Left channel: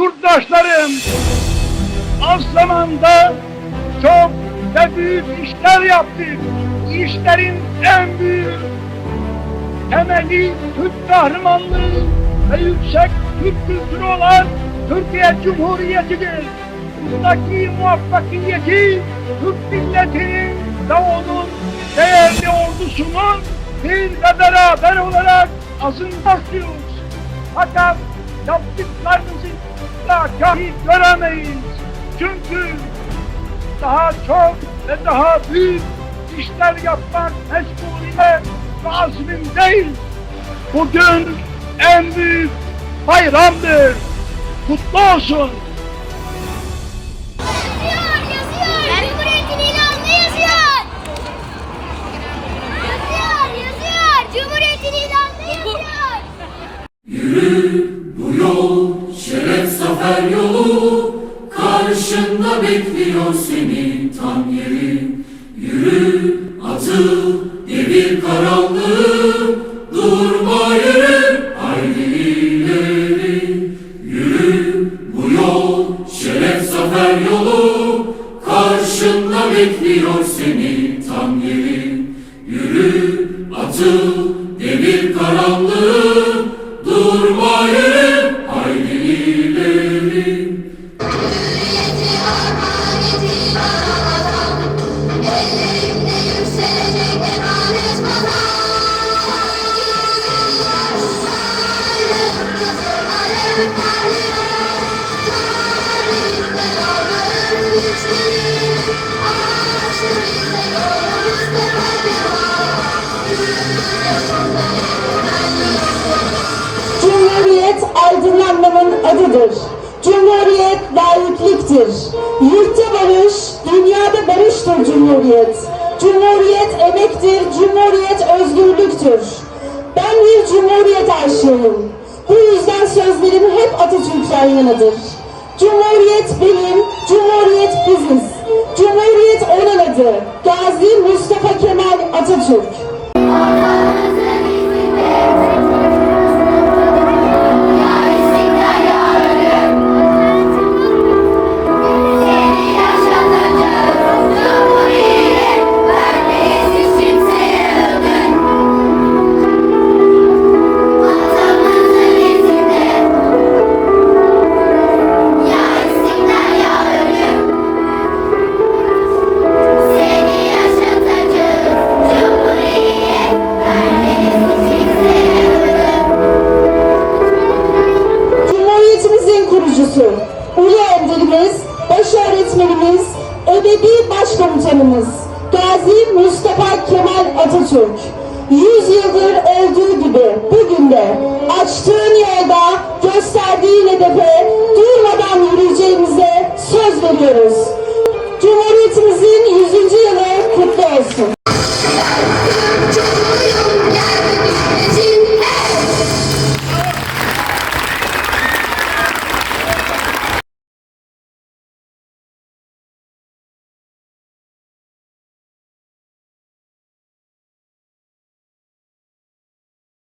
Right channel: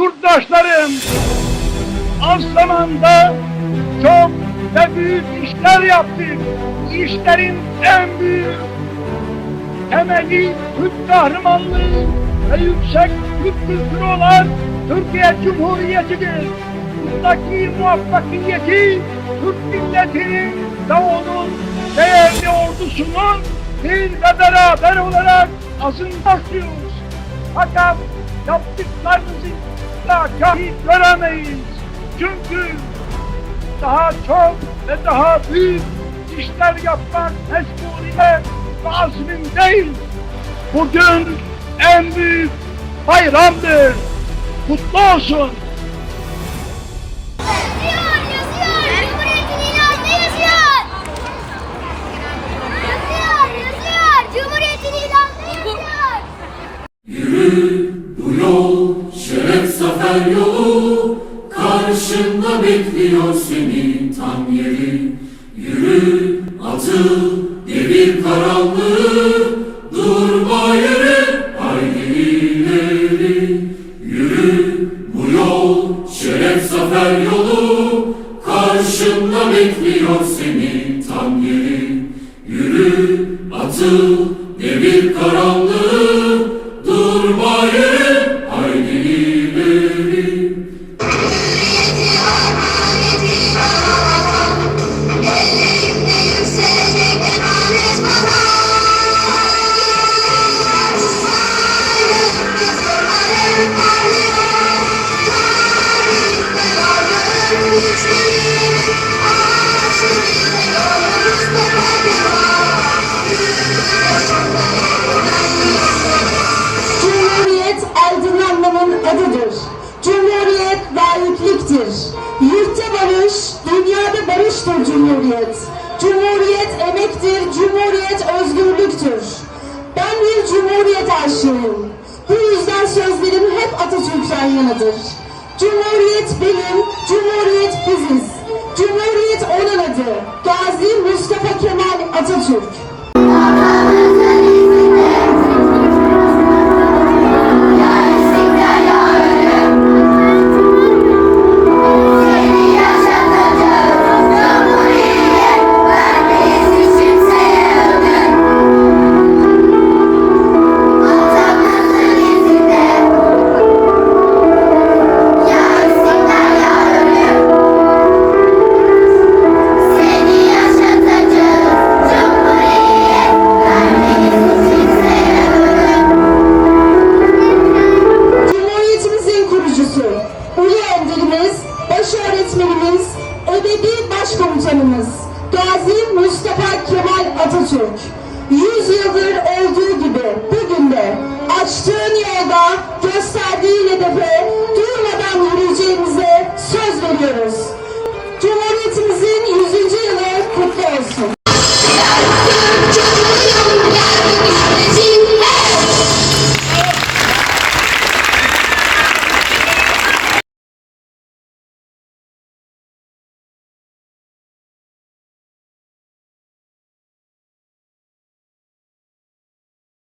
Yurttaşlarım, az zamanda çok ve büyük işler yaptık. Bu işlerin en büyük temeli Türk kahramanlığı ve yüksek Türk kültürü olan Türkiye Cumhuriyeti'dir. Bundaki muvaffakiyeti Türk milletinin ve onun değerli ordusunun bir ve beraber olarak azınlaşıyoruz. Fakat yaptıklarınızı da kahi göremeyiz. Çünkü daha çok ve daha büyük işler yapmak mecburiyet ve azmindeyiz. Bugün en büyük bayramdır. Kutlu olsun. і осені. Cumhuriyet aydınlanmanın adıdır. Cumhuriyet layıklıktır. Yurtta barış, dünyada barıştır Cumhuriyet. Cumhuriyet emektir, Cumhuriyet özgürlüktür. Ben bir Cumhuriyet aşığıyım. Bu yüzden sözlerim hep Atatürk'ten yanadır. Cumhuriyet benim, Cumhuriyet biziz. Cumhuriyet onun adı. Gazi Mustafa Kemal Kurucusu, ulu önderimiz, baş öğretmenimiz, ebedi başkomutanımız, Gazi Mustafa Kemal Atatürk. Yüz yıldır olduğu gibi bugün de açtığın yolda